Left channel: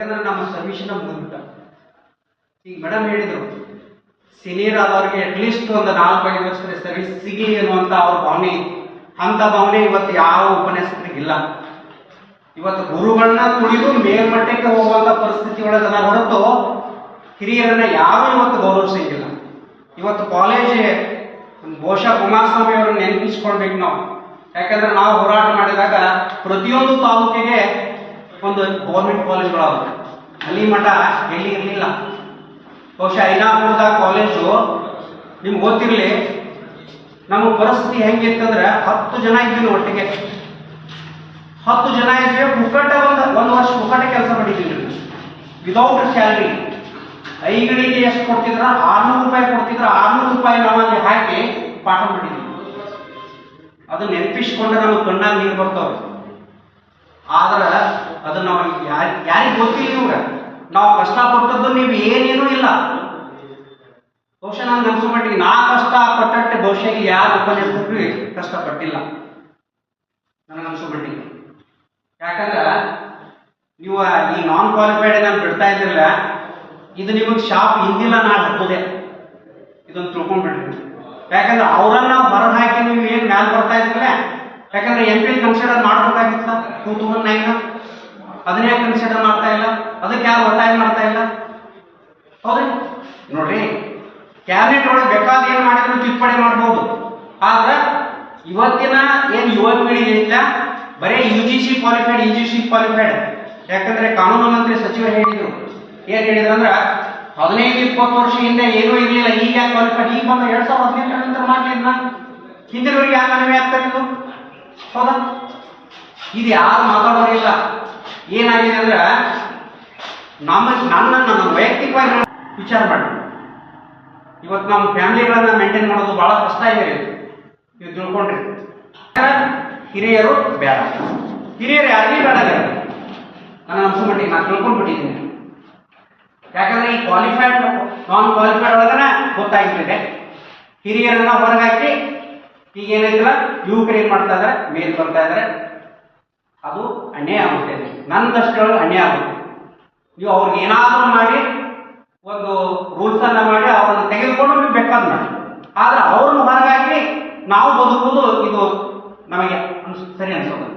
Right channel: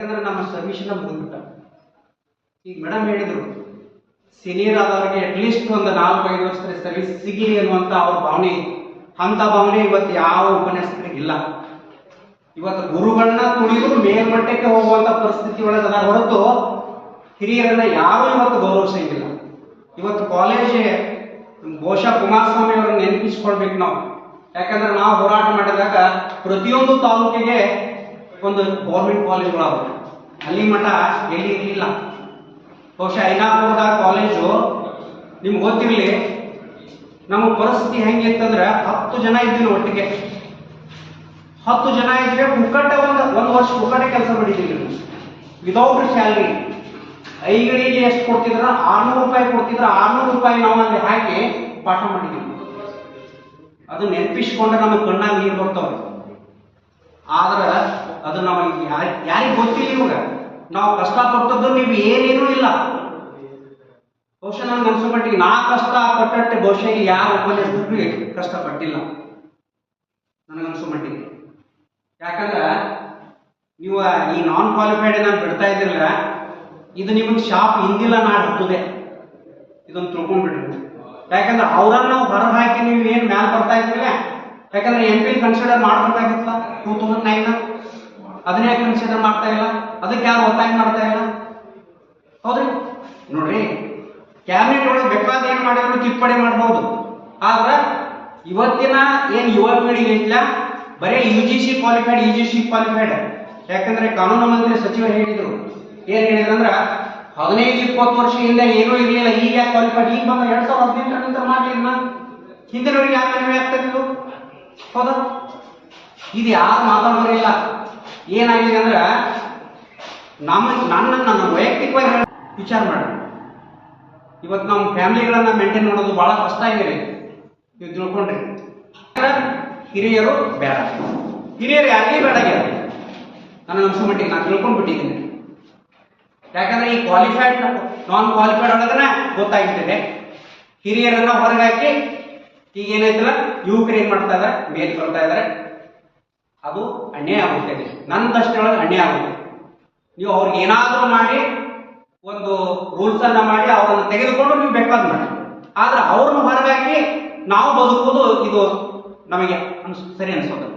ಯಾಕಂದ್ರೆ ನಮ್ಮ ಸರ್ವಿಸ್ನ ಮುಗಿದ್ಬಿಟ್ಟ. ಈಗ ಮೇಡಮ್ ಹೇಳಿದ್ರು ಸೀನಿಯರ್ ಆದವ್ರಿಗೆ ಅಟ್ಲೀಸ್ಟ್ ಒಂದು ನಾಲ್ಕೈದು ವರ್ಷದ ಸರ್ವಿಸ್ ಸಿಗಲಿ ಅನ್ನುವಂಥ ಅವ್ರ ಭಾವನೆ. ಅಂಥ ಭಾವನೆ ಇವತ್ತು ಯಾವ ಉಪನ್ಯಾಸಕರಿಗಿಲ್ಲ ಇವತ್ತು ಗುರುಗಳನ್ನ ತುಳಿದು ಮೇಲ್ಮಟ್ಟಕ್ಕೆ ಹೋಗುವಂಥ ಪರಿಸ್ಥಿತಿ ಒಳಗದ ಹೊರತು ಹಿರಿಯರನ್ನ ಯಾರು ಇವತ್ತು ಗೌರವಿಸಂಗಿಲ್ಲ. ಇವತ್ತು ಕಾಲೇಜ್ ಬಹುಶಃ ಕುಮಾರಸ್ವಾಮಿ ಅವರನ್ನ ನೆನಪಿಸ್ಕೊಳ್ಬೇಕು ನಾವು. ಯಾಕಂದ್ರೆ ನಾವು ಹೋರಾಟ ಮಾಡಿದಾಗ ಪ್ರತಿಯೊಂದು ತಾಲೂಕಿಗೆ ಒಂದು ಗೌರ್ಮೆಂಟ್ ಕಾಲೇಜ್ಗಳಾದವು ಅಲ್ಲಿ ಮಠ ಎಲ್ಲಿ ಇರಲಿಲ್ಲ. ಬಹುಶಃ ಐನಾಪುರದ ಕಾಲೇಜು ನಿಮ್ಗೆ ಗೊತ್ತಿರಲಿ, ನಮ್ಮ ಪರಿಸ್ಥಿತಿ ಹೆಂಗಿತ್ತಂದ್ರೆ ಹತ್ತು ಜನ ಇದ್ದೀವಿ ಒಟ್ಟಿಗೆ. ಹತ್ತು ಜನ ಇದ್ದೀವಿ ಪುಕ್ಕಟ್ಟ ಒಂದು ಒಂದು ವರ್ಷ ಪುಕ್ಕಟ್ಟ ಕೆಲಸ ಮಾಡಿದ್ದೀವಿ ವಿದೌಟ್ ಸ್ಯಾಲ್ರಿ ಐಗಡಿಗೆ ಎಷ್ಟು ಕೊಡ್ತಿದ್ರ? ಆರ್ನೂರು ರೂಪಾಯಿ ಕೊಡ್ತಿದ್ರ? ಆರ್ನೂರು ರೂಪಾಯಿ ನಾವು ಅಲ್ಲಿ ಹಾಕಿ ಪಾಠ ಮಾಡಿದ್ದೀವಿ ಅದು ನೆನಪಿಸ್ಕೊಂಡ್ರೆ ನಮಗೆ ಕಣ್ಣಾಗ ನೀರು ಬರ್ತಾವೆ ಆದ್ರೆ ಅದು ನಮಗೆ ಯಾರು, ಯಾರಿಗೆ ಗೊತ್ತಿಲ್ಲ ಇವಾಗ. ನಾವು ಕಷ್ಟಪಟ್ಟದ್ದು ನೀವು ಏನೇನೂ ಇಲ್ಲ. ಬಹುಶಃ ನನ್ಗೆ ಅನ್ಸೋ ಮಟ್ಟಿಗೆ ನಾ ಕಷ್ಟ ಪಟ್ಟಟ್ಟೆ ಬಹುಶಃ ಯಾರು ಉಪನ್ಯಾಸಕರು ಕಷ್ಟಪಟ್ಟಿಲ್ಲ ನನಗೆ ಮಟ್ಟಿಗೆ. ಯಾಕಂದ್ರೆ ನೀವು ಈ ನಾನ್ ಕ್ವಾಲಿಫೈಡ್ ನಾನು ಬಿಡ್ತಾ ಇದ್ದಿರಲ್ಲ ಇದು ನಿಮಗೆ ಶಾಪ್ ಹಿಂದಿಲ್ಲ ನಾಳೆ ಹತ್ತದೆ. ಇದನ್ನು ತಿಳ್ಕೊಂಡ್ಬಿಡ್ರಿ. ಯಾಕಂದ್ರೆ ಅವ್ರನ್ನ ನಾವು ಹಾಕಿ ನೀವು ಏನು ಮ್ಯಾಲ್ ಬರ್ತಾ ಇದ್ದಿಲ್ಲ ಯಾಕಂದ್ರೆ ಎಂ ಪಿ ಕನ್ಸಿಡರ್ ಮಾಡ್ಬೇಕಾಗಿತ್ತ ಟೂ ತೌಸಂಡ್ ನೈನ್ ಅದನ್ನ ಕನ್ಸಿಡರ್ ಮಾಡ್ತಾ ಇಲ್ಲ. ಅದಕ್ಕೆ ಯಾರು ಒತ್ತಾಯ ಮಾಡ್ತಾ ಇಲ್ಲ? ಹೌದ್ರಿ? ನೋಡ್ರಿ ಕ್ಯಾಬಿನೆಟ್ ಒಳಗೆ ಬೇಕಾದ ಏನ್ ಮಾಡಿದ್ರು ತಿದ್ದುಪಡಿ ಮಾಡಬಹುದು ಆದ್ರೆ ಇವತ್ತಿನ ಏನ್ ಯುವ ಪೀಳಿಗೆ ಇಲ್ಲ, ಬರೀ U G C qualified U G C qualified ಯಾಕಂದ್ರೆ ಕಾನೂನು ಮಂತ್ರಿ ಸಚಿವರು ಹೇಳಿದ್ರು. ಏನ್ ಹೇಳಿದ್ರು ಅಂದ್ರೆ, ಹದಿನೈದು, ಇಪ್ಪತ್ತು ವರ್ಷ ಹಿಂದೆ ಏನೂ ಇರಲಿಲ್ಲ, ಈಗ ಕ್ವಾಲಿಫೈಡ್ ಈಗ ಬಂದ ಎರಡ್ ಸಾವಿರದ ಹದಿನೆಂಟರ ನಂತರ ಮಾಡ್ಲಿಲ್ಲ ಹಿಂದಿನವ್ರಿಗೆ ಯಾಕೆ ಮನವಿ ಆಗ್ತಾ ಇತ್ತು? ಹೌದಾ? ಇದು ಯಾರು ಮಾತಾಡೋರಿಲ್ಲ ಏನಾಗಿದೆ ಅಂದ್ರೆ, ನಮ್ಮ ನನ್ನ ನನ್ನ ವೈಯಕ್ತಿಕವಾಗಿ ವಿಚಾರ ಮಾಡಿ. ಇವತ್ತು ನಮ್ಮ ಫ್ಯಾಮಿಲಿಗಳನ್ನ ಮೇಂಟೈನ್ ಮಾಡೋದು ಬಹಳ ಕಷ್ಟ ಇದೆ ರೀ ನೀವು ತಿಳ್ಕೊಂಡ್ರಿ. ಹಿರಿಯರು ಬೇಡ. ಹಿರಿಯರು ಯಾರಿಗೆ ಬೇಡ ರೀ ನನಗೆ ಅನ್ಸೋ ಮಟ್ಟಿಗೆ ನಾನು ತಿಳ್ಕೊಂಡ್ಬಿಟ್ಟಿದ್ದೀನಿ. ಯಾಕಂದ್ರೆ ಈ ಕ್ವಾಲಿಫೈಡ್ ನಾನ್ ಕ್ವಾಲಿಫೈಡ್ ಒಳಗನೆ ಗೊತ್ತಾಗ್ಬಿಟ್ಟಿದೆ ಹಿರಿಯರನ್ನ ಹೊರಗಾಕಿ ಈಗ ಏನೈತಿಲ್ಲ ಯುವಕರು ಏನ್ ಮಾಡ್ತಾ ಇದಾರೆ, ಮೇಲ್ ಬರ್ತಾ ಇದಾರೆ. ಅದು ಅಣ್ಣೆ ಆಗುತ್ತೆ. ನನ್ನ ಅಣ್ಣೆ ಅನ್ಯಾಯ ಆಗುತ್ತೆ. ನೀವು ಅವ್ರಿಗೆ ಏನಾದರೂ ಮಾಡಿ, ಒಂದು ರೂಲ್ಸ್ ಅನ್ನ ಮಾಡಿ ಅವರನ್ನು ತೆಗೆದುಕೊಂಡು ನೀವು ಬೇಕಾದ್ ಮಾಡಿ. ಆದ್ರೆ ಅವ್ರನ್ನ ಹೊರಗಾಗಿ ನಾವು ಬದುಕುವುದು ಇದು ನಮಗೆ ಸರಿ ಅನ್ಸೋದು.